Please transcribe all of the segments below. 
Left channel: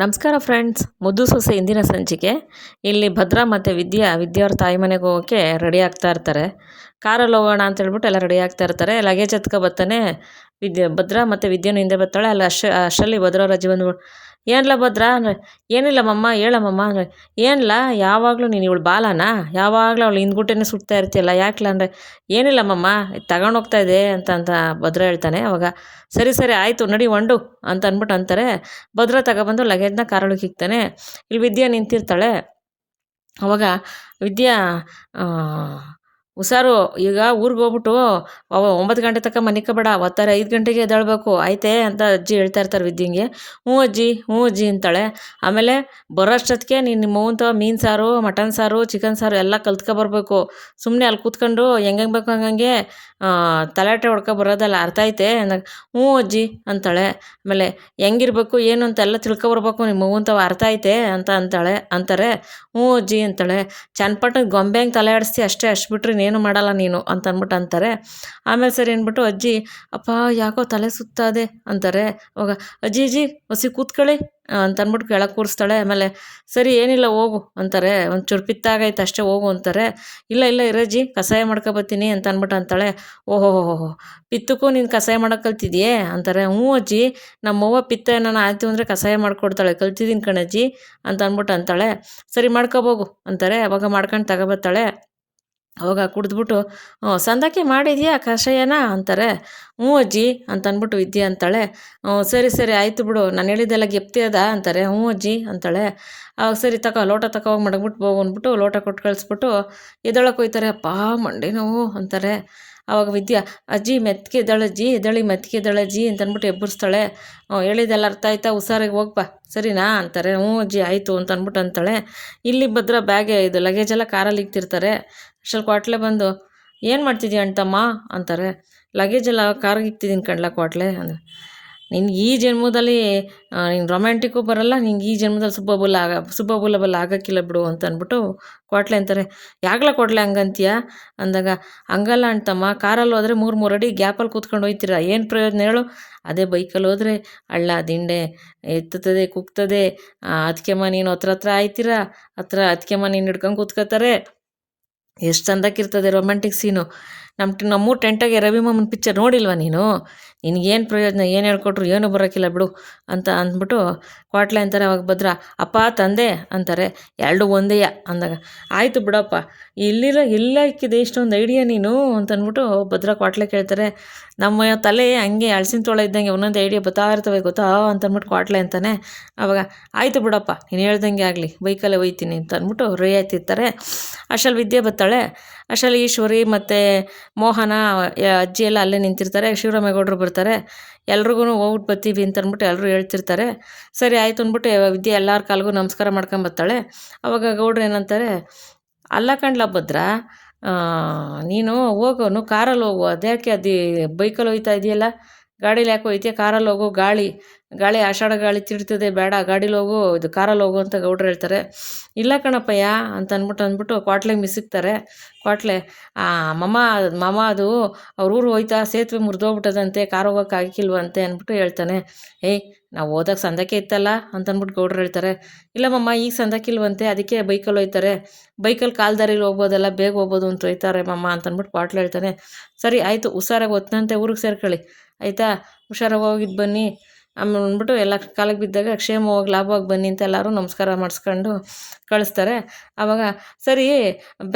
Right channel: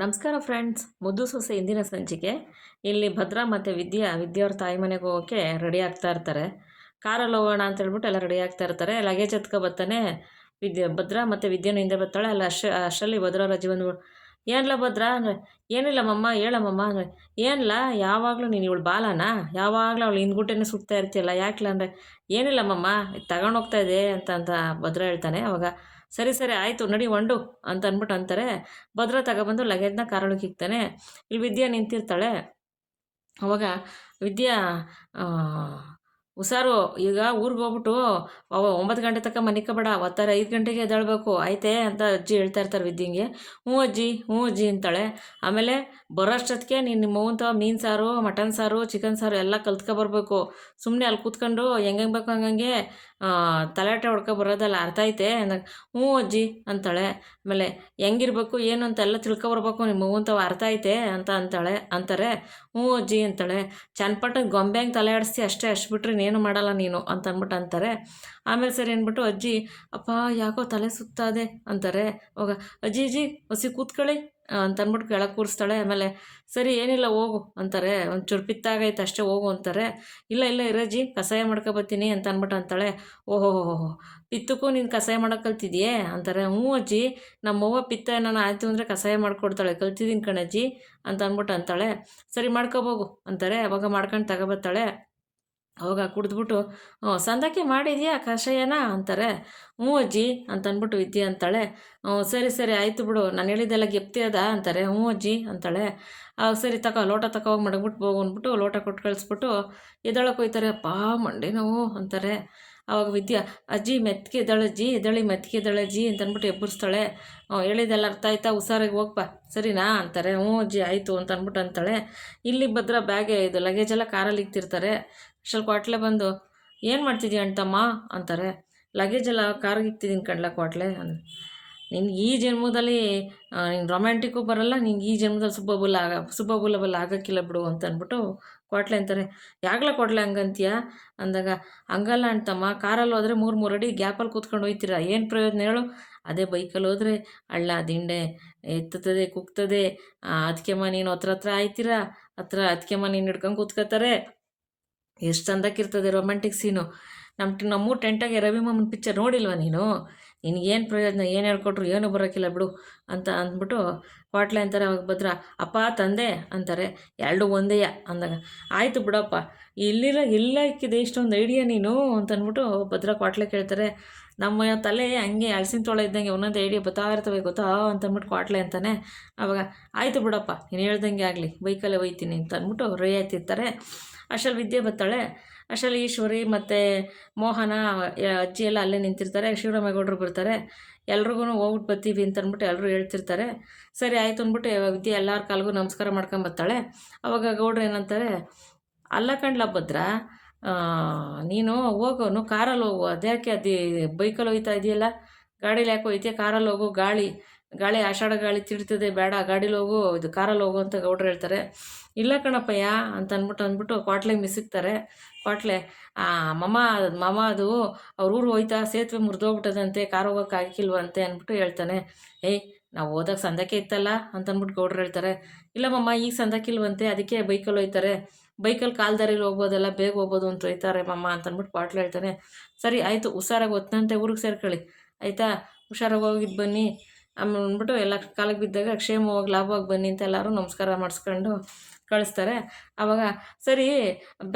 ನಮಸ್ಕಾರ ಫ್ರೆಂಡ್ಸ್. ಮುದ್ದು ಸೊಸೆ ಇಂದಿನ ಸಂಚಿಕೆ. ಇಲ್ಲಿ ಭದ್ರಾ ಮತ್ತು ವಿದ್ಯಾ ವಿದ್ಯಾ ಅವ್ರ ತಾಯಿ ಮನೆಗೆ ಹೋಗೋಕ್ಕೆ ರೆಡಿ ಆಗ್ತಾ ಇರ್ತಾರೆ. ಕಾರಲ್ಲಿ ಹೋಗೋಣ ಅಂತ ಹೇಳ್ಬಿಟ್ಟು ಎಲ್ಲ ರೆಡಿ ಆಗ್ತಾ ಇರ್ತಾರೆ. ಲಗೇಜ್ ಹತ್ಕೊ ಬರ್ತಾನೆ. ವಿದ್ಯಾ, ಭದ್ರಾ ಮತ್ತು ವಿದ್ಯಾನು ಹಿಂದೆ ಬರ್ತಾಳೆ. ಅಲ್ಲಿ ಅಷ್ಟ ಅಷ್ಟರಲ್ಲಿ ಭದ್ರಾ ರಜೆ ಬಂದು ಏನಿಲ್ಲ ಭದ್ರಾ? ಅಂದರೆ ಏನಿಲ್ಲಮ್ಮಮ್ಮ ಹೇಳಮ್ಮಮ್ಮ ಅಂದರೆ ಏನಿಲ್ಲ ಯಾವಾಗಲೂ ನೀನು ಇವಳು ಬಾಲನಾ? ಯಾವಾಗಲೂ ಅವಳು ಹಿಂದ್ಗುಟ್ಟೆನೇ ಸುಡ್ತಾ ಇರ್ತೀಯಲ್ಲ ಯಾಕಿಲ್ಲ ಅಂದರೆ ಏನಿಲ್ಲಮ್ಮಮ್ಮ ತಗೊಂಡು ಹೋಗ್ತಾ ಇದೆ ಅಂತ ಅಂತ ಭದ್ರ ಹೇಳ್ತಾನೆ ಅವಾಗ. ಸರಿ ಸರಿ, ಆಯಿತು, ನಡಿ ಒಂಡು ಅಂತ ಅಂದ್ಬಿಟ್ಟು ಅಂತಾರೆ. ಭದ್ರ ತಗೊಬಂದು ಲಗೇಜ್ನ ಕಾರೊಳಗೆ ಇಕ್ತಾನೆ ಇಲ್ಲಿ ವಿದ್ಯಾ ನಿಂತಿರ್ತಾಳೆ. ಅವಾಗ ವಿದ್ಯಾ ಹುಷಾರು, ಈಗ ಊರಿಗೆ ಹೋಗ್ಬಿಟ್ಟು ಅವ ಒಂಬತ್ತು ಗಂಟೆ ತನಕ ಮನಿಕೋಬೇಡ ಒತ್ತಾರೆ ಐದು ಗಂಟೆಗೆ ಎದ್ದಾಳ್ಬೇಕು. ಆಯ್ತೇ ಅಂತ ಅಜ್ಜಿ ಹೇಳ್ತಾ ಇರ್ತಾರೆ ವಿದ್ಯಂಗೆ. ಹ್ಞೂ ಅಜ್ಜಿ ಹ್ಞೂ ಅಜ್ಜಿ ಅಂತಾಳೆ. ಆಮೇಲೆ ಬರೋಷ್ಟೊತ್ತಿಗೆ ನೀನು ನಿಮ್ಮ ಅವ್ವನ ಮೀನು ಸಾರು, ಮಟನ್ ಸಾರು ಚಿಕನ್ ಸಾರು ಎಲ್ಲ ಕಲ್ತ್ಕೊಬರ್ಬೇಕು ಸುಮ್ಮನೆ ಅಲ್ಲಿ ಕೂತ್ಕೊಂಡು ಹೆಂಗೆ ಬೇಕು ಹಂಗಂಗೆ ತಲಾಟೆ ಹೊಡ್ಕೊ ಬರೋದಲ್ಲ ಅರ್ಥ ಐತೆ. ಅಂದಾಗ ಹ್ಞೂ ಅಜ್ಜಿ ಅಂತಾಳೆ. ಆಮೇಲೆ, ಹೆಂಗಿರ್ಬೇಕು, ಏನು ಅಂತೆಲ್ಲ ತಿಳ್ಕೊಬರ್ಬೇಕು ನಿಮ್ಮ ಅಂತ ಅರ್ಥ ಐತೆ ಅಂತ ಅಂತಾಳೆ, ಅಂತಾರೆ. ಹ್ಞೂ ಅಜ್ಜಿ ಅಂತಾಳೆ. ಚನ್ನಪಟ್ಟಣ ಗೊಂಬೆ ಹಂಗೆ ತಲೆ ಆಡಿಸ್ತಿ, ಅಷ್ಟೇ, ಅಷ್ಟು ಬಿಟ್ರೆ ಇನ್ನೇನು ಮಾಡಲ್ಲ ನೀನು ಅಂತ ಅಂದ್ಬಿಟ್ಟು ಅಂತಾರೆ. ಆಮೇಲೆ ಸರಿ ಅಂದ್ಬಿಟ್ಟು, ಅಜ್ಜಿ, ಅಪ್ಪ, ಯಾಕೋ ತಲೆ ಸುತ್ತಾದೆ ಅಂತಾರೆ. ಅವಾಗ, ಅಜ್ಜಿ ಅಜ್ಜಿ ಹೊಸಿ ಕೂತ್ಕೊಳ್ಳಿ. ಅಂತ ಅಂದ್ಬಿಟ್ಟು ಕೆಳಗೆ ಕೂರಿಸ್ತಾಳೆ, ಆಮೇಲೆ, ಸರಿ, ಏನಿಲ್ಲ, ಹೋಗು, ಅಂತಾರೆ. ಒಂಚೂರು ಪಿತ್ತಾಗೈತೆ ಅಷ್ಟೇ ಹೋಗು ಅಂತಾರೆ. ಇಲ್ಲ ಇಲ್ಲ, ಇರಜ್ಜಿ, ಕಷಾಯ ಮಾಡ್ಕೊಬತ್ತೀನಿ ಅಂತ ಅಂದ್ಬಿಟ್ಟು ಅಂತಾಳೆ. ಓಹೋ ಹೋ ಪಿತ್ತಕ್ಕೂ ನೀನು ಕಷಾಯ ಮಾಡೋಕೆ ಕಲ್ತಿದ್ಯೇ? ಅಂತಾರೆ. ಹ್ಞೂ ಅಜ್ಜಿ, ನಮ್ಮವ್ವ ಪಿತ್ತ ಏನಾನ ಆಯಿತು ಅಂದರೆ ಕಷಾಯ ಮಾಡ್ಕೊಡ್ತಾಳೆ ಕಲ್ತಿದ್ದೀನಿ ಕಣಜ್ಜಿ ಅಂತ ಅಂದ್ಬಿಟ್ಟು ಅಂತಾಳೆ. ಸರಿ ಮಾಡ್ಕೊಬೋಗು ಅಂತಾರೆ. ಅವಾಗ ಮಾಡ್ಕೊಂಡು ತಗೊಬತ್ತಾಳೆ. ಅವಾಗ ಕುಡಿದ್ಬಿಟ್ಟು ಹ್ಞೂ ಸಂದಕ್ಕೆ ಮಾಡಿದ್ಯಾ ಕಷಾಯನ? ಅಂತಾರೆ. ಹ್ಞೂ ಅಜ್ಜಿ ಅಂತ ಅಂದ್ಬಿಟ್ಟು ವಿದ್ಯೆ ಅಂತಾಳೆ. ಹ್ಞೂ ಸರಿ ಸರಿ, ಆಯಿತು ಬಿಡು, ನಾನು ಹೇಳಿದ್ದೆಲ್ಲ ಗೆಪ್ತಿ ಅದ, ಅಂತಾರೆ. ಹ್ಞೂ ಅಜ್ಜಿ, ಅಂತಾಳೆ. ಅವಾಗ ಸರಿ ತಗೋ ಲೋಟ ತಗೋ ಮಡಗ್ಬಿಟ್ಟು ಹೋಗು ಅಂದ್ಬಿಟ್ಟು ಲೋಟ ಕೊಟ್ಟು ಕಳಿಸ್ಬಿಟ್ಟು ಎದೊಳಕ್ಕೆ ಹೋಯ್ತಾರೆ. ಅಪ್ಪ ಮಂಡಿ ನೋವು ಅಂತಾರೆ. ಅವಾಗ ವಿದ್ಯಾ, ಅಜ್ಜಿ, ಮೆತ್ಗೆ ಎದ್ದಳಜ್ಜಿ ಎದಳಿ ಎದ್ದಳಜ್ಜಿ ಅಂತ ಅಂದ್ಬಿಟ್ಟು ಎಬ್ಬರಿಸ್ತಾಳೆ ಹ್ಞೂ ಹೇಳಿದೆಲ್ಲ ಅರ್ಥ ಆಯ್ತಾ, ಹುಷಾರಾಗಿ ಹೋಗ್ಬಾ ಸರಿನಾ? ಅಂತಾರೆ. ಹ್ಞೂ ಅಜ್ಜಿ, ಆಯಿತು ಅಂತ ಅಂದ್ಬಿಟ್ಟು ಅಂತಾಳೆ. ಇಲ್ಲಿ ಭದ್ರ ಬ್ಯಾಗೆ, ಇದು ಲಗೇಜೆಲ್ಲ ಕಾರಲ್ಲಿ ಇಕ್ತಿರ್ತಾರೆ ಅಷ್ಟರಲ್ಲಿ ಕ್ವಾಟ್ಲೆ ಬಂದು, ಏನು ಮಾಡ್ತಿದ್ದೀಯ ಅಣ್ತಮ್ಮ ಅಂತಾರೆ. ಲಗೇಜ್ ಎಲ್ಲ ಕಾರ್ಗೆ ಇಕ್ತಿದ್ದೀನಿ ಕಣ್ಲ ಕ್ವಾಟ್ಲೆ? ಅಂದರೆ. ನಿನ್ಗೆ ಈ ಜನ್ಮದಲ್ಲಿ ನೀನು ರೊಮ್ಯಾಂಟಿಕ್ಕು ಬರಲ್ಲ ನಿಂಗೆ ಈ ಜನ್ಮದಲ್ಲಿ ಸುಬ್ಬಬುಲ್ ಆಗ ಸುಬ್ಬಬುಲಬಲ್ ಆಗೋಕ್ಕಿಲ್ಲ ಬಿಡು ಅಂತ ಅಂದ್ಬಿಟ್ಟು ಕ್ವಾಟ್ಲೆ ಅಂತಾರೆ. ಯಾಗಲ ಕೊಟ್ಲೆ ಹಂಗಂತೀಯ? ಅಂದಾಗ, ಹಂಗಲ್ಲ ಅಂತಮ್ಮ, ಕಾರಲ್ಲಿ ಹೋದರೆ ಮೂರು ಮೂರು ಅಡಿ ಗ್ಯಾಪಲ್ಲಿ ಕೂತ್ಕೊಂಡು ಹೋಯ್ತೀರ? ಏನು ಪ್ರಯೋಜನ ಹೇಳು? ಅದೇ ಬೈಕಲ್ಲಿ ಹೋದರೆ ಹಳ್ಳ, ದಿಂಡೆ, ಎತ್ತುತ್ತದೆ, ಕುಗ್ತದೆ. ಅದಕ್ಕೆಮ್ಮ ನೀನು ಹತ್ರ ಹತ್ರ ಆಯ್ತೀರ? ಹತ್ರ ಅದಕ್ಕೆಮ್ಮ ನೀನು ಹಿಡ್ಕೊಂಡು ಕೂತ್ಕೋತಾರೆ ಎಷ್ಟು ಚಂದಕ್ಕಿರ್ತದೆ ರೊಮ್ಯಾಂಟಿಕ್ ಸೀನು ನಮ್ಮ ನಮ್ಮೂರು ಟೆಂಟಾಗೆ ರವಿ ಮಾಮನ್ ಪಿಕ್ಚರ್ ನೋಡಿಲ್ವ ನೀನು? ನಿನಗೇನು ಪ್ರಯೋಜನ, ಏನು ಹೇಳ್ಕೊಟ್ರು, ಏನೂ ಬರೋಕ್ಕಿಲ್ಲ ಬಿಡು ಅಂತ ಅಂದ್ಬಿಟ್ಟು ಕ್ವಾಟ್ಲೆ ಅಂತಾರೆ ಅವಾಗ ಭದ್ರ, ಅಪ್ಪ, ತಂದೆ ಅಂತಾರೆ. ಎರಡು ಒಂದೇಯ ಅಂದಾಗ, ಆಯಿತು ಬಿಡಪ್ಪ, ಇಲ್ಲಿರೋ ಎಲ್ಲ ಇಕ್ಕಿದೆ ಇಷ್ಟೊಂದು ಐಡಿಯಾ ನೀನು ಅಂತ ಅಂದ್ಬಿಟ್ಟು ಭದ್ರ ಕ್ವಾಟ್ಲೆ ಕೇಳ್ತಾರೆ. ನಮ್ಮ ತಲೆ ಹಂಗೆ ಅಳಸಿನ ತೋಳ ಇದ್ದಂಗೆ ಒಂದೊಂದು ಐಡಿಯಾ ಬರ್ತಾ ಇರ್ತವೆ ಗೊತ್ತಾ ಅಂತ ಅಂದ್ಬಿಟ್ಟು ಕ್ವಾಟ್ಲೆ ಅಂತಾನೆ ಅವಾಗ, ಆಯಿತು ಬಿಡಪ್ಪ, ನೀನು ಹೇಳ್ದಂಗೆ ಆಗಲಿ, ಬೈಕಲ್ಲೇ ಒಯ್ತೀನಿ ಅಂತ ಅಂದ್ಬಿಟ್ಟು ರಿಯಾಯ್ತಿರ್ತಾರೆ ಅಷ್ಟಲ್ಲಿ ವಿದ್ಯೆ ಬರ್ತಾಳೆ. ಅಷ್ಟಲ್ಲಿ ಈಶ್ವರಿ ಮತ್ತು ಮೋಹನ ಅಜ್ಜಿ ಎಲ್ಲ ಅಲ್ಲೇ ನಿಂತಿರ್ತಾರೆ, ಶಿವರಾಮೇಗೌಡರು ಬರ್ತಾರೆ. ಎಲ್ರಿಗೂ ಹೋಗ್ಬಿಟ್ಟು ಬರ್ತೀವಿ ಅಂತ ಅಂದ್ಬಿಟ್ಟು ಎಲ್ಲರೂ ಹೇಳ್ತಿರ್ತಾರೆ. ಸರಿ ಆಯಿತು ಅಂದ್ಬಿಟ್ಟು ವಿದ್ಯೆ ಎಲ್ಲರ ಕಾಲಿಗೂ ನಮಸ್ಕಾರ ಮಾಡ್ಕೊಂಬರ್ತಾಳೆ ಅವಾಗ ಗೌಡ್ರು ಏನಂತಾರೆ, ಅಲ್ಲ ಕಂಡ್ಲ ಭದ್ರ ನೀನು ಹೋಗೋನು ಕಾರಲ್ಲಿ ಹೋಗು. ಅದ್ಯಾಕೆ ಅದು, ಬೈಕಲ್ಲಿ ಹೋಯ್ತಾ ಇದೆಯಲ್ಲ? ಗಾಡೀಲಿ ಯಾಕೆ ಹೋಯ್ತೀಯ? ಕಾರಲ್ಲಿ ಹೋಗು, ಗಾಳಿ. ಗಾಳಿ ಆಷಾಢ ಗಾಳಿ ತಿಡ್ತದೆ ಬೇಡ, ಗಾಡೀಲಿ ಹೋಗು, ಇದು ಕಾರಲ್ಲಿ ಹೋಗು ಅಂತ ಗೌಡ್ರು ಹೇಳ್ತಾರೆ. ಇಲ್ಲ ಕಣಪ್ಪಯ್ಯ ಅಂತ ಅಂದ್ಬಿಟ್ಟು ಅಂದ್ಬಿಟ್ಟು ಕ್ವಾಟ್ಲೆಗೆ ಮಿಸಿಕ್ತಾರೆ. ಕ್ವಾಟ್ಲೆ ಮಮ್ಮ ಮಮ್ಮ ಅದು ಅವ್ರ ಊರು ಹೋಯ್ತಾ, ಸೇತುವೆ ಮುರಿದೋಗ್ಬಿಟ್ಟದಂತೆ, ಕಾರ್ ಹೋಗೋಕೆ ಆಗಿಲ್ವಂತೆ ಅಂದ್ಬಿಟ್ಟು ಹೇಳ್ತಾನೆ. ಏಯ್ ನಾವು ಹೋದಾಗ ಸಂದಕ್ಕೆ ಇತ್ತಲ್ಲ ಅಂತ ಅಂದ್ಬಿಟ್ಟು ಗೌಡ್ರು ಹೇಳ್ತಾರೆ. ಇಲ್ಲ ಮಮ್ಮ, ಈಗ ಸಂದಕ್ಕಿಲ್ವಂತೆ ಅದಕ್ಕೆ ಬೈಕಲ್ಲಿ ಹೋಯ್ತಾರೆ. ಬೈಕಲ್ಲಿ ಕಾಲ್ದಾರಿಲಿ ಹೋಗ್ಬೋದಲ್ಲ, ಬೇಗ ಹೋಗ್ಬೋದು ಅಂತ ಹೋಯ್ತಾರೆ ಮಮ್ಮ ಅಂತ ಅಂದ್ಬಿಟ್ಟು ಕ್ವಾಟ್ಲೆ ಹೇಳ್ತಾನೆ. ಸರಿ, ಆಯಿತು, ಹುಷಾರಾಗಿ ಹೊತ್ತಂತೆ ಊರಿಗೆ ಸೇರ್ಕೊಳ್ಳಿ. ಆಯಿತಾ? ಹುಷಾರಾಗಿ ಹೋಗಿದ್ದು ಬನ್ನಿ. ಆಮೇಲೆ ಅಂದ್ಬಿಟ್ಟು ಎಲ್ಲ ಕಾಲಿಗೆ ಬಿದ್ದಾಗ ಕ್ಷೇಮವಾಗಿ ಲಾಭವಾಗಿ ಬನ್ನಿ ಅಂತ ಎಲ್ಲರೂ ನಮಸ್ಕಾರ ಮಾಡಿಸ್ಕೊಂಡು ಕಳಿಸ್ತಾರೆ. ಆವಾಗ ಸರಿ,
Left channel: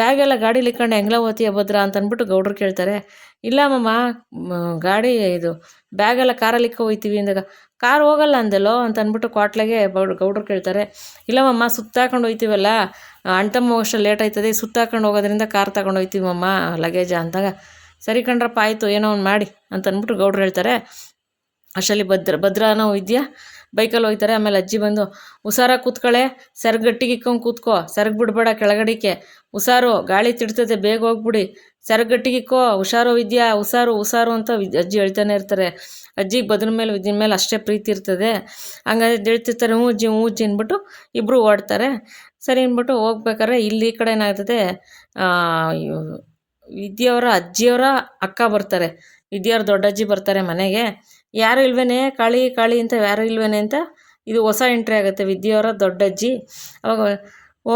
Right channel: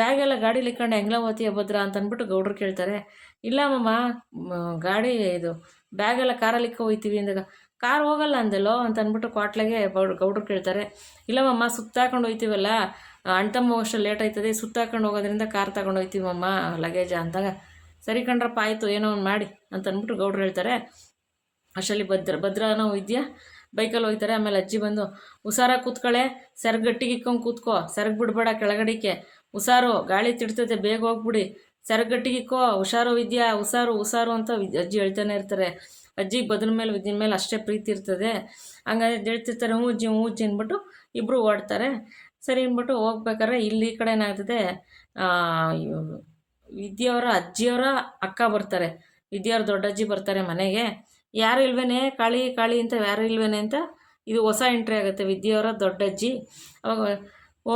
ಬ್ಯಾಗೆಲ್ಲ ಗಾಡೀಲಿ ಇಕ್ಕೊಂಡು ಹೆಂಗ್ಲ ಓತಿಯ ಭದ್ರ? ಅಂತ ಅಂದ್ಬಿಟ್ಟು ಗೌಡ್ರು ಕೇಳ್ತಾರೆ. ಇಲ್ಲ ಮಮ್ಮ ಗಾಡಿ ಇದು, ಬ್ಯಾಗೆಲ್ಲ ಕಾರಲ್ಲಿ ಇಕ್ಕ ಹೋಯ್ತೀವಿ ಅಂದಾಗ, ಕಾರ್ ಹೋಗಲ್ಲ ಅಂದಲ್ಲೋ? ಅಂತ ಅಂದ್ಬಿಟ್ಟು ಕ್ವಾಟ್ಲೆಗೆ ಗೌಡ್ರು ಕೇಳ್ತಾರೆ. ಇಲ್ಲವಮ್ಮ ಸುತ್ತಾಕೊಂಡು ಹೋಯ್ತೀವಲ್ಲ ಅಣ್ತಮ್ಮ ಅಷ್ಟು ಲೇಟ್ ಆಯ್ತದೆ, ಸುತ್ತಾಕೊಂಡು ಹೋಗೋದ್ರಿಂದ ಕಾರ್ ತಗೊಂಡು ಹೋಯ್ತೀವಮ್ಮ ಲಗೇಜ? ಅಂದಾಗ, ಸರಿ ಕಂಡ್ರಪ್ಪ ಆಯಿತು, ಏನೋ ಒಂದು ಮಾಡಿ. ಅಂತ ಅಂದ್ಬಿಟ್ಟು ಗೌಡ್ರು ಹೇಳ್ತಾರೆ. ಅಷ್ಟರಲ್ಲಿ ಭದ್ರ ಭದ್ರನೋ ಇದೆಯಾ ಬೈಕಲ್ಲಿ ಹೋಗ್ತಾರೆ, ಆಮೇಲೆ ಅಜ್ಜಿ ಬಂದು, ಹುಷಾರಾಗಿ ಕೂತ್ಕೊಳ್ಳೆ ಸರ್ಗ್ ಗಟ್ಟಿಗೆ ಇಕ್ಕೊಂಡು ಕೂತ್ಕೋ, ಸರ್ಗ್ ಬಿಡಬೇಡ ಕೆಳಗಡಿಕೆ. ಹುಷಾರು, ಗಾಳಿ ತಿಡ್ತದೆ, ಬೇಗ ಹೋಗ್ಬಿಡಿ. ಸರ್ಗ್ ಗಟ್ಟಿಗೆ ಇಕ್ಕೋ, ಹುಷಾರು ವಿದ್ಯಾ, ಹುಷಾರು ಹುಷಾರು ಅಂತ ಅಜ್ಜಿ ಹೇಳ್ತಾನೆ ಇರ್ತಾರೆ. ಅಜ್ಜಿಗೆ ಬದ್ರ ಮೇಲೆ ವಿದ್ಯೆ ಮೇಲೆ ಅಷ್ಟೇ ಪ್ರೀತಿ ಇರ್ತದೆ. ಹಂಗಾದ್ರೆ ಹೇಳ್ತಿರ್ತಾರೆ, ಹ್ಞೂ ಅಜ್ಜಿ ಹ್ಞೂ ಅಜ್ಜಿ ಅಂದ್ಬಿಟ್ಟು ಇಬ್ಬರು ಓಡ್ತಾರೆ. ಸರಿ ಅಂದ್ಬಿಟ್ಟು ಹೋಗ್ಬೇಕಾದ್ರೆ ಇಲ್ಲಿ ಈ ಕಡೆ ಏನಾಗ್ತದೆ ವಿದ್ಯೆಯವರ ಅಜ್ಜಿಯವರ ಅಕ್ಕ ಬರ್ತಾರೆ. ವಿದ್ಯೆಯವ್ರ ದೊಡ್ಡಜ್ಜಿ ಬರ್ತಾರೆ ಮನೆಗೆ. ಯಾರು ಇಲ್ವೇನೆ? ಕಾಳಿ ಕಾಳಿ ಅಂತ ಯಾರು ಇಲ್ವೇನೆ ಅಂತ? ಇದು ಹೊಸ ಎಂಟ್ರಿ ಆಗುತ್ತೆ. ವಿದ್ಯೆಯವರ ದೊಡ್ಡಜ್ಜಿ. ಅವಾಗ, ಓ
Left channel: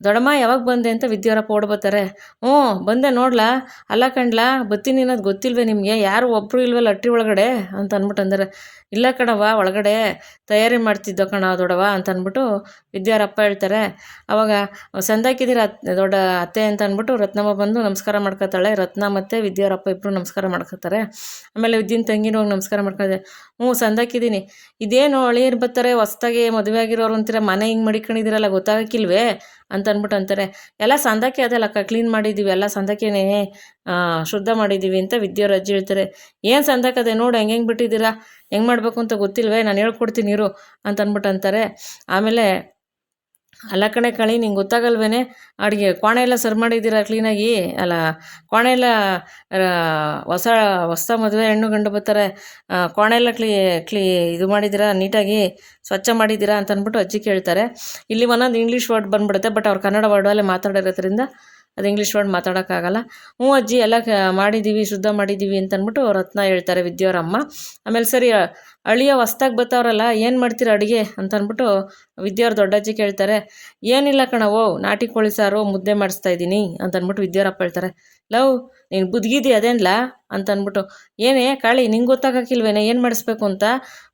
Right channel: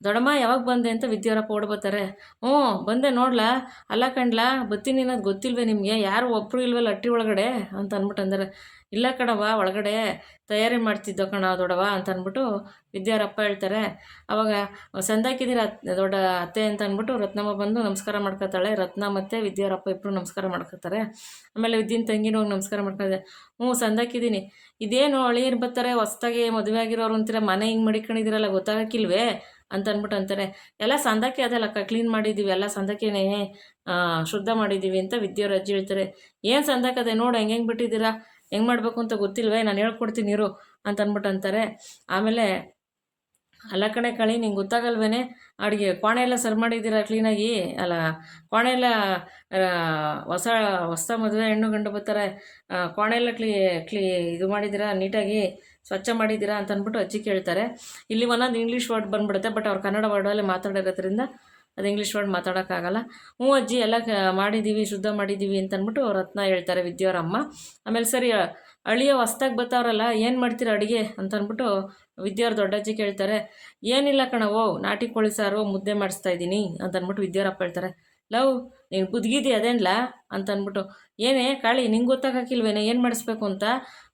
ದೊಡ್ಡಮ್ಮ, ಯಾವಾಗ ಬಂದೆ ಅಂತ ವಿದ್ಯಾರಪ್ಪ ಓಡ್ಬೋತಾರೆ ಹ್ಞೂ, ಬಂದೆ ನೋಡ್ಲಾ? ಅಲ್ಲ ಕಣ್ಲಾ ಬತ್ತೀನಿ ಅನ್ನೋದು ಗೊತ್ತಿಲ್ವೇ ನಿಮಗೆ? ಯಾರು ಒಬ್ಬರು ಇಲ್ವಲ್ಲ ಅಟ್ರಿ ಒಳಗಡೆ? ಅಂತ ಅಂದ್ಬಿಟ್ಟು ಅಂದರೆ. ಇಲ್ಲ ಕಣವ್ವ, ಒಳಗಡೆ ತಯಾರಿ ಮಾಡ್ತಿದ್ದೋ ಕಣ ದೊಡವ ಅಂತ ಅಂದ್ಬಿಟ್ಟು ವಿದ್ಯಾರಪ್ಪ ಹೇಳ್ತಾರೆ. ಅವಾಗ ಸಂದಾಕಿದ್ದೀರ ದೊಡ್ಡ ಅತ್ತೆ ಅಂತ ಅಂದ್ಬಿಟ್ಟು ರತ್ನಮ್ಮ ಬಂದು ನಮಸ್ಕಾರ ಮಾಡ್ಕೊತಾಳೆ. ರತ್ನ ಮತ್ತು ವಿದ್ಯಾರಪ್ಪ ಇಬ್ಬರು ನಮಸ್ಕಾರ ಮಾಡ್ಕೊತಾರೆ. ಆಮೇಲೆ ವಿದ್ಯನ್ ತಂಗಿನ ಹೋಗಿ ನಮಸ್ಕಾರ ಮಾಡ್ಕೊಂಡೆ ಹ್ಞೂ ಸಂದಾಕಿದ್ದೀನಿ ಇದೇನು ಅಳಿಯರು ಬರ್ತಾರೆ, ಹೊಸ್ದಾಗಿ ಮದುವೆ ಆಗಿರೋರು ಅಂತೀರ? ಮನೆ ಹಿಂಗೆ ಮಡಿಕೊಂಡಿದ್ದೀರಲ್ಲ, ಗೊತ್ತಾಗಕ್ಕಿಲ್ವೇ? ಅಂತ ಅಂದ್ಬಿಟ್ಟು ಅಂತಾರೆ. ಎಲ್ಲ ಸಂದಕ್ಕೆ ಅದಲ್ಲಕ್ಕ ಕ್ಲೀನ್ ಮಾಡಿದ್ದೀವಿ, ಎಲ್ಲ ಸಂದಕ್ಕೇನೇ ಶುದ್ಧ ಮಾಡಿದ್ದೀವಿ ಅಂತ ವಿದ್ಯೆಯವ್ರ ಅಜ್ಜಿ ಹೇಳ್ತಾರೆ. ಏನು ಸಂದಕ್ಕದೆ ನೋಡು, ಹೆಂಗೆ ಹೆಂಗೆ ಬಿಟ್ಟಿದ್ದೀರಾ? ಹೆಂಗೆ ಮಾಡಬೇಕು ಅಂತ ಗೊತ್ತಿಲ್ವೇ? ನಾನು ಹೇಳ್ಕೊಡ್ತೀನಿ ಇರು ಅಂತ ಅಂದ್ಬಿಟ್ಟು ಅಂತಾರೆ. ಆಮೇಲೆ ಅಲ್ಲ ಕಣೆ ಕಳಿ, ನಿಂಗೆ ಗೊತ್ತಾಗಲ್ವೇನೆ? ಅಡುಗೆ ಕೋಣೆ ಎಲ್ಲ ಸರ್ ಮಾಡಿದ್ದೀರಾ ಕ್ಲೀನಾಗಿ ಅಲ್ಲ ಕೋಣೆ ಎಲ್ಲ ಹೊಸ ಹೊಸ ಮದುವೆ ಹೆಣ್ಣು ಗಂಡು ಬರ್ತಾರೆ. ಕೋಣೆ ಎಲ್ಲ ಕ್ಲೀ ಕ್ಲೀ ಇದು ಮಾಡಿದ್ದೀರಾ? ನೀಟಾಗಿ ಸ್ವಚ್ಛ ಮಾಡಿದ್ದೀರಾ ಅಂತ ಅಂದ್ಬಿಟ್ಟು ಅಜ್ಜಿ ಕೇಳ್ತಾರೆ. ಇಲ್ಲಿ ಒಂದೊಂದು ಇಂಗ್ಲೀಷ್ ವರ್ಡ್ ಬಂದ್ಬಿಡುತ್ತೆ ಬಟ್ ಅವ್ರು ಕನ್ನಡ ವರ್ಡಲ್ಲೇ ಮಾತಾಡಿರೋದ್ರಿಂದ ಅದು ಇಂಗ್ಲೀಷ್ ವರ್ಡ್ ಮಾತಾಡೋಕ್ಕಾಗಲ್ಲ. ಹ್ಞೂ ಅಜ್ಜಿ, ಎಲ್ಲ ಮಾಡಿದ್ದೀವಿ ಶುದ್ಧ ಮಾಡಿದ್ದೀವಿ ಅಂತ ಅಂದ್ಬಿಟ್ಟು ರತ್ನ ಹೇಳ್ತಾರೆ ವಿದ್ಯೋರಮ್ಮ ಆಮೇಲೆ ಸರಿ ಅಳಿಯ ಹೊಸ್ದಾಗಿ ಬರ್ತಾವ್ರಲ್ಲ ಏನು ಮಾಡ್ತೀರಾ ಅಡುಗೆ? ಅಂತ ಅಂದ್ಬಿಟ್ಟು ದೊಡ್ಡಜ್ಜಿ ಕೇಳ್ತಾರೆ, ಏನಿಲ್ಲ ಕಣವೋ ನಾಟಿ ಕೋಳಿ ಸಾರು ಮುದ್ದೆ ಮಾಡಿಸ್ತಾ ಇದ್ದೀನಿ ಅಂತ ಅಂದ್ಬಿಟ್ಟು ಹೇಳ್ತಾರೆ. ಲವ್, ನೀನು ಬುದ್ಗಿದಿ ಅದೇನ್ಲ? ಅಂತ ಅಂದ್ಬಿಟ್ಟು ಏನೇ ಕಾಳಿ, ನಿಂಗೆ ಗೊತ್ತಾಗಕ್ಕಿಲ್ವೇನೆ? ಏನು ಮಾಡಿಸ್ಬೇಕು ಅಂತ?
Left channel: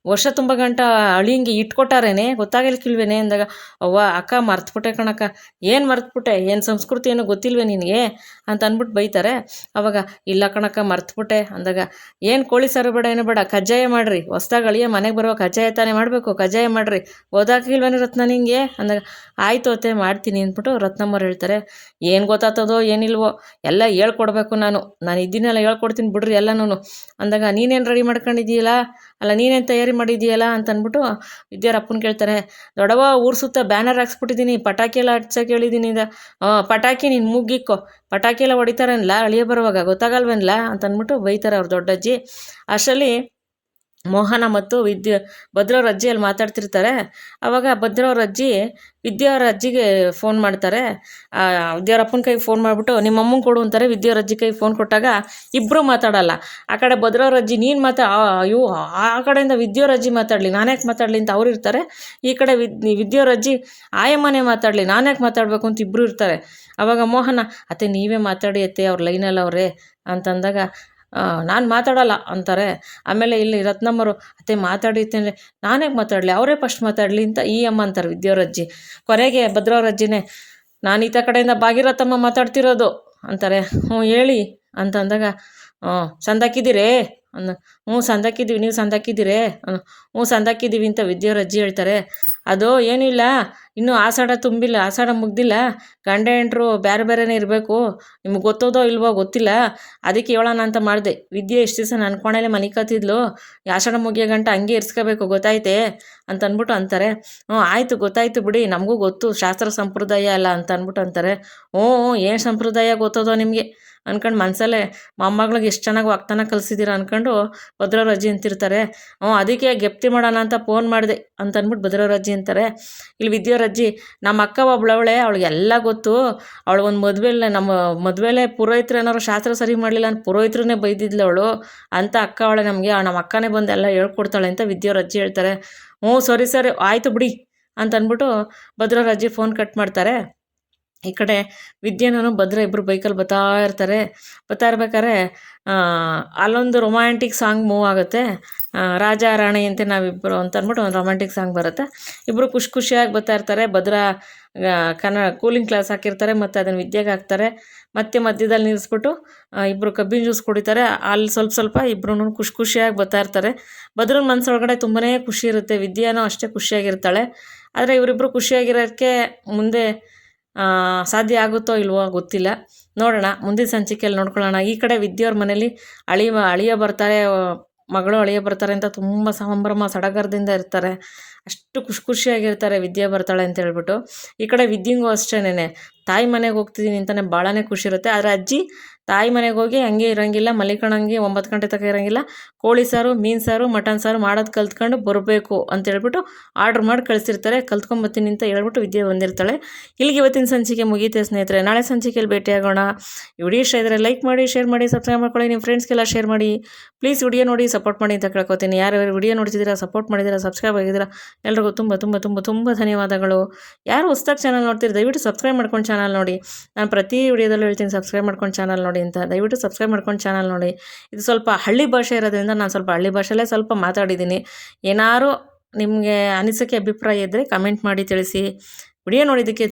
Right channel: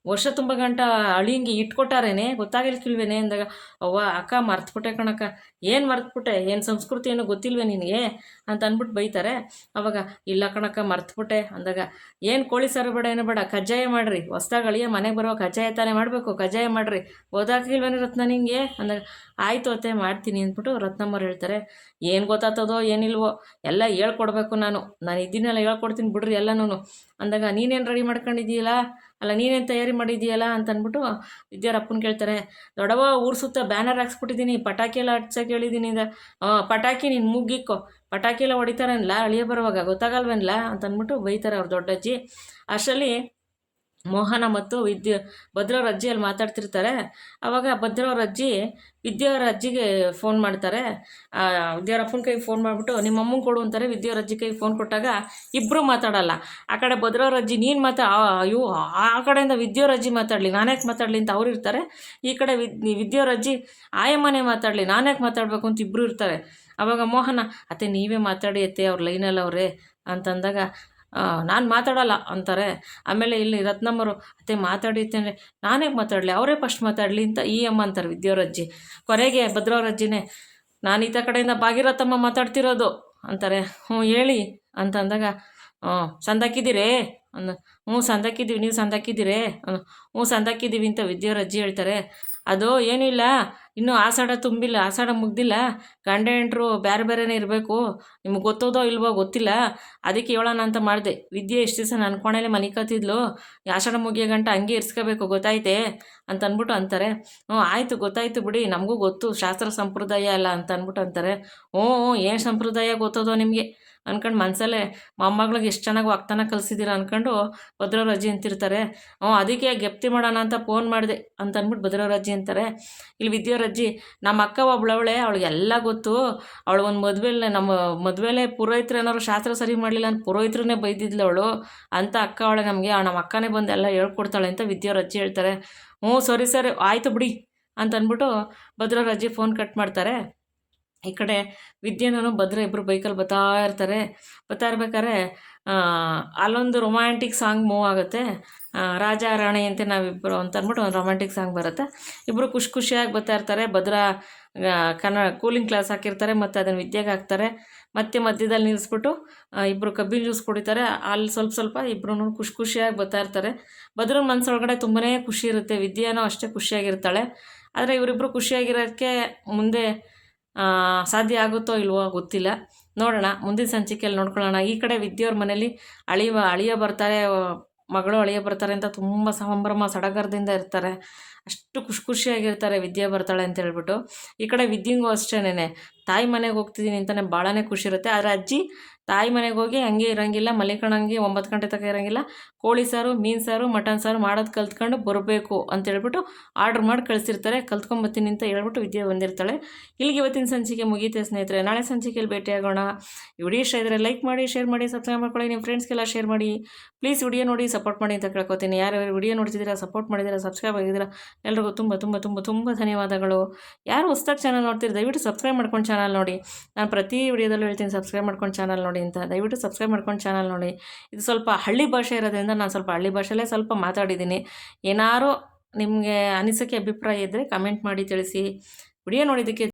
ವರ್ಷ ತುಂಬ ಗಂಟ ಅಳಿಯಂಗೆ ಇಟ್ಕೊಟ್ಟಾರೇನೆ? ಗೊತ್ತಾಗಲಿಕ್ಕಿಲ್ವೇನೆ? ಅಂದಾಗ, ಅವ್ವ, ಅಕ್ಕ ಮರ್ತ್ಬಿಟ್ಟೆ ಕಣಕ್ಕ. ಏನು ಮರ್ತ್ಬಿಟ್ಟೆ? ಏನು ಸಂಸ್ಕೃತಿ ಏನೋ ಗೊತ್ತಿಲ್ವೇ ನಿನಗೆ? ಅಂತ ಅಂದ್ಬಿಟ್ಟು ಬೈತಾರೆ. ಅವಾಗ, ಇಲ್ಲ ಕಣಕ್ಕ, ಮರ್ತ್ಬಿಟ್ಟೆ. ಅಂದಾಗ, ಏನು ಕೋಳಿ ಸಾರು ಬೇಡ, ಏನೋ ಬೇಡ, ಕಜ್ಜಾಯ ಮಾಡಿರಿ. ಹೊಸ್ದಾಗಿ ಅಳಿಯ ಮನೆಗೆ ಬರುವ ಕಜ್ಜಾಯ ತಾನೇ ಮಾಡಬೇಕು. ಕಜ್ಜಾಯ ಮಾಡಿರಿ. ಓದಾಕಿಲ್ವೇನೆ ರತ್ನ ನಿಂಗೆ? ಅಂದಾಗ, ಆಯಿತು ಅತ್ತೆ, ಮಾಡ್ತೀನಿ. ಅಂದ್ಬಿಟ್ಟು ರತ್ನಮ್ಮರು ಹೇಳ್ತಾರೆ, ಏನು ಗೊತ್ತಾಗ್ತದೋ ಏನಿಲ್ವೋ? ಎಲ್ಲ ಹೇಳ್ಕೊಡ್ಬೇಕು ನಾನು. ನಾನು ಇದ್ದೀನಲ್ಲ ಹೇಳ್ಕೊಡ್ತೀನಿ. ಬಿಡ್ರಿ ಎಲ್ಲನೂ ಅಂದಾಗ, ನೀನೇನು ರೆಡಿ ಮಾಡ್ಕೊಂಡಿದ್ದೀಯಲ್ಲ? ಅಲ್ಲ, ನೀನೇನು ತಯಾರಿ ಮಾಡಿದ್ದೀಯಲ್ಲ ಅಂತ ಅಂದ್ಬಿಟ್ಟು ವಿದ್ಯಾರಪ್ಪನ ಕೇಳ್ತಾರೆ. ದೊಡವ ಊರು ಸುತ್ತ ಬ್ಯಾನರ್ ಹಾಕ್ಸ್ಬಿಟ್ಟಿದ್ದೀನಿ, ಪಟಾಕಿ ಎಲ್ಲ ಹಚ್ಚಕ್ಕೆ ಹೇಳಿದ್ದೀನಿ ಇಂದ ಪಟಾಕಿ ನೀನು ಮುಗ್ಗಿಕ್ಕೋ. ಪಟಾಕಿ ಎಲ್ಲ ಹೊಡಿತಾರನ್ಲ? ಅಳಿಯ ಬರುವಾಗ ಗೊತ್ತಾಗಲ್ವೇನ್ಲ? ಅಂತ ಬೈತಾರೆ ಅವ್ರು ದೊಡ್ಡಜ್ಜಿ. ಅಷ್ಟರಲ್ಲಿ ಮೋಹನ ಮತ್ತು ವಿದ್ಯ, ಭದ್ರವ್ರ ಅಜ್ಜಿಯಲ್ಲಿ ಮಾತಾಡ್ತಿರ್ತಾರೆ. ಆವಾಗ ಭದ್ರವ್ರ ಅಜ್ಜಿ ವಿದ್ಯಾವ್ರ ಅಜ್ಜಿಗೆ ಫೋನ್ ಮಾಡ್ತಾರೆ. ವಿದ್ಯಾರಪ್ಪನ ಕೈಗೆ ಫೋನ್ ಮಾಡಿಬಿಟ್ಟು, ನಿಮ್ಮ ಅಮ್ಮಂಗೆ ಕೊಡು ಅಂತಾರೆ. ವಿದ್ಯಾವ್ರ ಅಜ್ಜಿ ಕೈಗೆ ಫೋನ್ ಕೊಟ್ಟಾಗ ಇಬ್ಬರು ಮಾತಾಡಲ್ಲ. ಆ ಕಡೆ ಭದ್ರವ್ರ ಅಜ್ಜಿ, ನೀನು ಮಾತಾ ಅಯ್ಯೋ, ಆ ಕಡೆಯಿಂದ ವಿದ್ಯಾವ್ರ ಅಜ್ಜಿ ಮಾತಾಡಲಿ ನಾನ್ಯಾಕೆ ಮಾತಾಡಲಿ ಅಂತ ಅವ್ರು ಇರ್ತಾರೆ. ಈ ಕಡೆ ವಿದ್ ವಿದ್ಯಾವ್ರ ಅಜ್ಜಿ, ಆಯಮ್ಮನೇ ಮಾತಾಡಲಿ ನಾನ್ಯಾಕೆ ಮಾತಾಡಬೇಕು ಅಂತ ಇಬ್ಬರು ಇರ್ತಾರೆ. ಆವಾಗ ಮೋಹನ, ಅತ್ತೆ, ನೀವೇ ಮಾತಾಡಿ ಅತ್ತೆ, ಅವ್ರ ಲೈನಲ್ಲಿ ಅವರೇ ಅಂತಂದಾಗ ನಾನು ಮಾತಾಡಲ್ಲ ಅಂತಾರೆ. ಆಮೇಲೆ ಇಲ್ಲಿ ರತ್ನಮ್ಮರು ಅತ್ತೆ ಮಾತಾಡಿತ್ತೇನೆ ನಾನೇ ಮಾತಾಡಲಿ? ಅವರೇ ಫಸ್ಟ್ ಮಾತಾಡಲಿ ಅಂತ ಈ ಅಮ್ಮ ಅಂತಾರೆ ವಿದ್ಯಾವ್ರಜ್ಜಿ. ಕೊನೆಗೆ ಭದ್ರಾವರಜ್ಜಿನೇ, ನಾನು ಈತ ಕಡೆಯಿಂದ ಭಾಗೀರಥಮ್ಮ ಮಾತಾಡ್ತಿರೋದು ಅಂತಾರೆ. ಹ್ಞೂ ಹೇಳಿ ಅಂತ ಅಂದಾಗ ಹ್ಞೂ ಸಂದಾಕಿದ್ದೀರೇ? ಅಂದ ಹ್ಞೂ ಸಂದಾಕಿದ್ದೀವಿ, ನೀವು ಸಂದಾಕಿದ್ದೀರೇ ಹ್ಞೂ ಸಂದಾಕಿದ್ದೀವಿ ಅಂತ ವಿದ್ಯೆಯವ್ರ ಅಜ್ಜಿ ಹೇಳ್ತಾರೆ. ಅದು ಏನೂ ಇಲ್ಲ, ಇನ್ನೂ ಆಷಾಢ ತುಂಬಿಲ್ಲ, ಆಷಾಢ ಮುಗ್ದಿಲ್ಲ, ಗಂಡ ಹೆಂಡ್ರು ಬೇರೆ ಬೇರೆನೇ ಇರಬೇಕು, ನಿಮ್ಗೆ ಗೊತ್ತೋದೋ ಇಲ್ವೋ ಗೊತ್ತಿಲ್ಲ, ಅದಕ್ಕೆ ಹೇಳೋಣ ಅಂತ ಮಾಡಿದೆ. ವಿದ್ಯೆ ಎಷ್ಟು ದಿವಸ ನನ್ನ ಕೋಣೆಲೆ ಮನಿಕತ್ತಿದ್ಲು ಆಷಾಢ ಮುಗಿಯೋ ಗಂಟ ಹಂಗೆ ಇರಿಸ್ಕೋಬೇಕು, ಗೊತ್ತಾಯ್ತೆ ಅಂತ ಅಂದ್ಬಿಟ್ಟು ಅಂತಾರೆ. ಹ್ಞೂ, ಆಯಿತು, ಗೊತ್ತಾಯ್ತು ಬಿಡಿ, ನಮಗೂ ಗೊತ್ತು, ಶಾಸ್ತ್ರ ಸಂಪ್ರದಾಯ ಅಲ್ಲ ಅಂತ ಅಂದ್ಬಿಟ್ಟು ಅಂತಾರೆ. ಹ್ಞೂ, ಏನು ಸಂಪ್ರದಾಯ ಗೊತ್ತೋದೋ ನಿಮಗೆ? ಅನ್ಕೊಂಡು ಮನಸಲ್ಲೇ ಮೊಮ್ಮಗಳಿಗೆ ಎಷ್ಟು ಚೆನ್ನಾಗಿ ವಾಗ್ತಾನ ಕಲಿಸಿದ್ದೀರ ಅಂದ್ಕೊಂಡು ಭದ್ರವ್ರ ಅಜ್ಜಿ ಅಂತಿರ್ತಾರೆ. ಹ್ಞೂ ಅದಕ್ಕೆ ಗೆಪ್ತಿ ಮಾಡೋಣ ಅಂತ ಫೋನ್ ಮಾಡಿದೆ ಅಂತ ಅಂದ್ಬಿಟ್ಟು ಭದ್ರವ್ರ ಅಜ್ಜಿ ಅಂತಾರೆ. ಇಲ್ಲಿ ವಿದ್ಯಾವ್ರ ಅಜ್ಜಿ ನಮ್ಮ ಅಕ್ಕ ಒಬ್ಳವಳೆ ಅವಳಿಗೆಲ್ಲ ಗೊತ್ತು. ಅವಳು ಒಂದು ಮದುವೆಲೆ ನಮ್ಮ ಮದುವೆಲೆ ಪುರೋಹಿತರು ಏನಾದ್ರು ಶಾಸ್ತ್ರ ಸರಿ ಮಾಡಲಿಲ್ಲ ಅಂತ ಪುರೋಹಿತ್ರನೇ ಬೈದಿದ್ಲು ಅವಳು. ಅಂತ ಅಕ್ಕ ಅವಳೆ ನಮಗೆ ನಮ್ಮ ಅಕ್ಕನೇ ಬಂದು ಎಲ್ಲ ಹೇಳ್ಕೊಡ್ತಾಳೆ ಅಂತ ವಿದ್ಯಾವ್ರ ಅಜ್ಜಿ ಹೇಳ್ತಾರೆ. ಹ್ಞೂ, ಸರಿ ಸರಿ, ಆಯಿತು ಬಿಡಿ ಅಂತ ಅಂದ್ಬಿಟ್ಟು ಭದ್ರವ್ರ ಅಜ್ಜಿ ಫೋನ್ ಕಟ್ ಮಾಡ್ತಾರೆ. ಈ ಕಡೆ ವಿದ್ಯೆನೂ ಭದ್ರ ಇಬ್ಬರು ಬೈಕಲ್ಲಿ ಬರ್ತಾ ಇರ್ತಾರೆ. ಬರ್ತಾ ಇರ್ಬೇಕಾದ್ರೆ ಅಲ್ಲೊಂದು ರೊಮ್ಯಾಂಟಿಕ್ ಸಾಂಗ್ ಮೂವ್ ಆಗುತ್ತೆ. ರಾಜ ರಾಣಿ ಅಂತ ನಾವಿಬ್ಬರು ಅಂತ ಅಂದ್ಬಿಟ್ಟು ಒಂದು ರೊಮ್ಯಾಂಟಿಕ್ ಸಾಂಗ್ ಬರುತ್ತೆ. ಇಬ್ಬರು ಖುಷಿ ಖುಷಿಯಾಗಿ ಬರ್ತಾ ಇರ್ತಾರೆ. ಭದ್ರ ಕನ್ನಡ ಕೂಲಿಂಗ್ ಕ್ಲಾಸ್ ಹಾಕಿರ್ತಾರೆ ಮತ್ತು ಅದನ್ನು ವಿದ್ಯೆಗೆ ಹಾಕ್ತಾರೆ. ಮತ್ತೆ ಮಧ್ಯದಲ್ಲಿ ನಿಲ್ಲಿಸ್ಬಿಟ್ಟು ಇಬ್ಬರು ಕಬ್ಬಿನ ಜ್ಯೂಸ್ ಕುಡಿತಾರೆ. ಅಲ್ಲಿ ಸ್ವಲ್ಪ ಸ್ವಲ್ಪ ಇಬ್ಬರೂ ಖುಷಿ ಖುಷಿಯಾಗಿ ಬರ್ತಾ ಇರ್ತಾರೆ. ಭದ್ರನ ಮನಸ್ಸೊಳಗಡೆ ತುಂಬನೇ ಖುಷಿ ಇರುತ್ತೆ. ವಿದ್ಯಾನೂ ಅಷ್ಟೇ ಖುಷಿಯಾಗಿರ್ತಾಳೆ. ಆದರೆ ಇವರಿಬ್ಬರು ಖುಷಿಯಾಗಿರೋಕ್ಕೆ ಮುಂದೆ ಸಾಧ್ಯ ಆಗುತ್ತೋ ಇಲ್ವೋ ಗೊತ್ತಿಲ್ಲ. ನೋಡೋಣ, ಮುಂದಿನ ಸಂಚಿಕೆಯಲ್ಲಿ ನೋಡ್ಕೊಳ್ಳೋಣ. ಈ ಕಡೆ ವಿದ್ಯೆಯವ್ರ ಮನೇಲಿ ಅಳಿವ, ಅಳಿಯ ಬರ್ತಾರೆ, ಮಗಳು ಅಳಿಯ ಬರ್ತಾರೆ ಅಂತ ತುಂಬ ಸಂಭ್ರಮ, ಸಡಗರದಿಂದ ಇರ್ತಾರೆ. ಅಷ್ಟು ಖುಷಿ ಖುಷಿಯಾಗಿರ್ತಾರೆ ವಿದ್ಯೆ ಬರ್ತಾಳೆ ಅಂತ ಹೇಳ್ಬಿಟ್ಟು. ಈ ಕಡೆ ವಿದ್ಯೆಗೂ ಅಷ್ಟೇನೆ ತಾಯಿ ಮನೆಗೆ ಹೋಗ್ತಿದ್ದೀನಿ ಅಂತಲೇ ಭಾಳನೇ ಖುಷಿ ಇರುತ್ತೆ. ಆದರೆ ಅಜ್ಜಿ ತಾಯಿ ಮನೆಗೆ ಹೋಗಿ ಹಂಗೆ ಇರೋಂಗಿಲ್ಲ, ಮಲಿಕಣಂಗೆ ಒಂಬತ್ತು ಗಂಟೆ ತಕ ಇರೋಂಗಿಲ್ಲ. ಕೋಳಿ ಸಾರು, ಮೀನು ಸಾರು, ಮಟನ್ ಸಾರು ಮಾಡೋದು ಕಲ್ತ್ಕೊಂಡು ಬರಬೇಕು ಅಂತೇಳ್ಬಿಟ್ಟು ಆರ್ಡ್ರ್ ಮಾಡಿ ಕಳಿಸಿರ್ತಾರೆ. ಕಲ್ತ್ಕೊಂಬತ್ತೀನಿ ಅಂತ ಹೇಳ್ಬಿಟ್ಟು ವಿದ್ಯೆ ಬಂದಿರ್ತಾಳೆ. ಇಲ್ಲಿಗೆ ಇವತ್ತಿನ ಸಂಚಿಕೆ ಮುಗೀತೆ ಸ್ನೇಹಿತರೆ. ನಾಳೆ ಸಂಚಿಕೆಯಲ್ಲಿ ಭೇಟಿಯಾಗೋಣ. ಇಡೀ ಇಷ್ಟ ಇದ್ದರೆ ಲೈಕ್ ಮಾಡಿ, ಶೇರ್ ಮಾಡಿ, ಸಬ್ಸ್ಕ್ರೈಬ್ ಮಾಡ್ಕೊಳ್ಳಿ. ನಿಮ್ಮ ಫ್ರೆಂಡ್ಸ್ಗೆಲ್ಲ ಶೇರ್ ಮಾಡಿ. ಪ್ಲೀಸ್ ವಿಡಿಯೋ ನೋಡಿ ಸಪೋರ್ಟ್ ಮಾಡಿ ಅಂತ ಕೇಳ್ಕೊತೀನಿ. ಯಾರು ವಿಡಿಯೋ ನೋಡ್ತಿದ್ದೀರಾ, ಸಪೋರ್ಟ್ ಮಾಡಿದ್ದೀರಾ, ಸಬ್ಸ್ಕ್ರೈಬ್ ಆಗಿದ್ದೀರಾ, ಎಲ್ರಿಗೂ ತುಂಬ ತುಂಬ ತುಂಬ ತುಂಬ ಧನ್ಯವಾದಗಳು. ಯಾರು ಹೊಸ್ದಾಗಿ ಚಾನಲ್ ನೋಡ್ತೀರಿ, ದಯವಿಟ್ಟು ಸಬ್ಸ್ಕ್ರೈಬ್ ಮಾಡ್ಕೊಂಡು ಚಾನಲ್ ನೋಡಿ. ನಾನು ಪ್ರತಿ ವಿಡಿಯೋದಲ್ಲೂ ಹೇಳ್ತೀನಿ, ಸಬ್ಸ್ಕ್ರೈಬ್ ಮಾಡ್ಕೊಂಡು ಚಾನಲ್ ನೋಡಿ. ಅಂತ. ದಯವಿಟ್ಟು ಸಬ್ಸ್ಕ್ರೈಬ್ ಮಾಡ್ಕೊಂಡು ಚಾನಲ್ ನೋಡಿ. ಇದು ಸ್ವಲ್ಪ ಹಳ್ಳಿ ಭಾಷೆ ಇರೋದ್ರಿಂದ ನಾನು ಸ್ವಲ್ಪ ಹಳ್ಳಿ ಭಾಷೆಯಲ್ಲೇ ಸ್ವಲ್ಪ ಮಾತಾಡಿದ್ದೀನಿ. ಏನಾರು ನಿಮಗೆ ಅನಿಸಿಕೆ, ಅಭಿಪ್ರಾಯ ಇದ್ದರೆ ಕಮೆಂಟ್ ಮಾಡಿ ತಿಳಿಸಿ. ವಿಡಿಯೋ ನೋಡಿದ್ದಕ್ಕೆ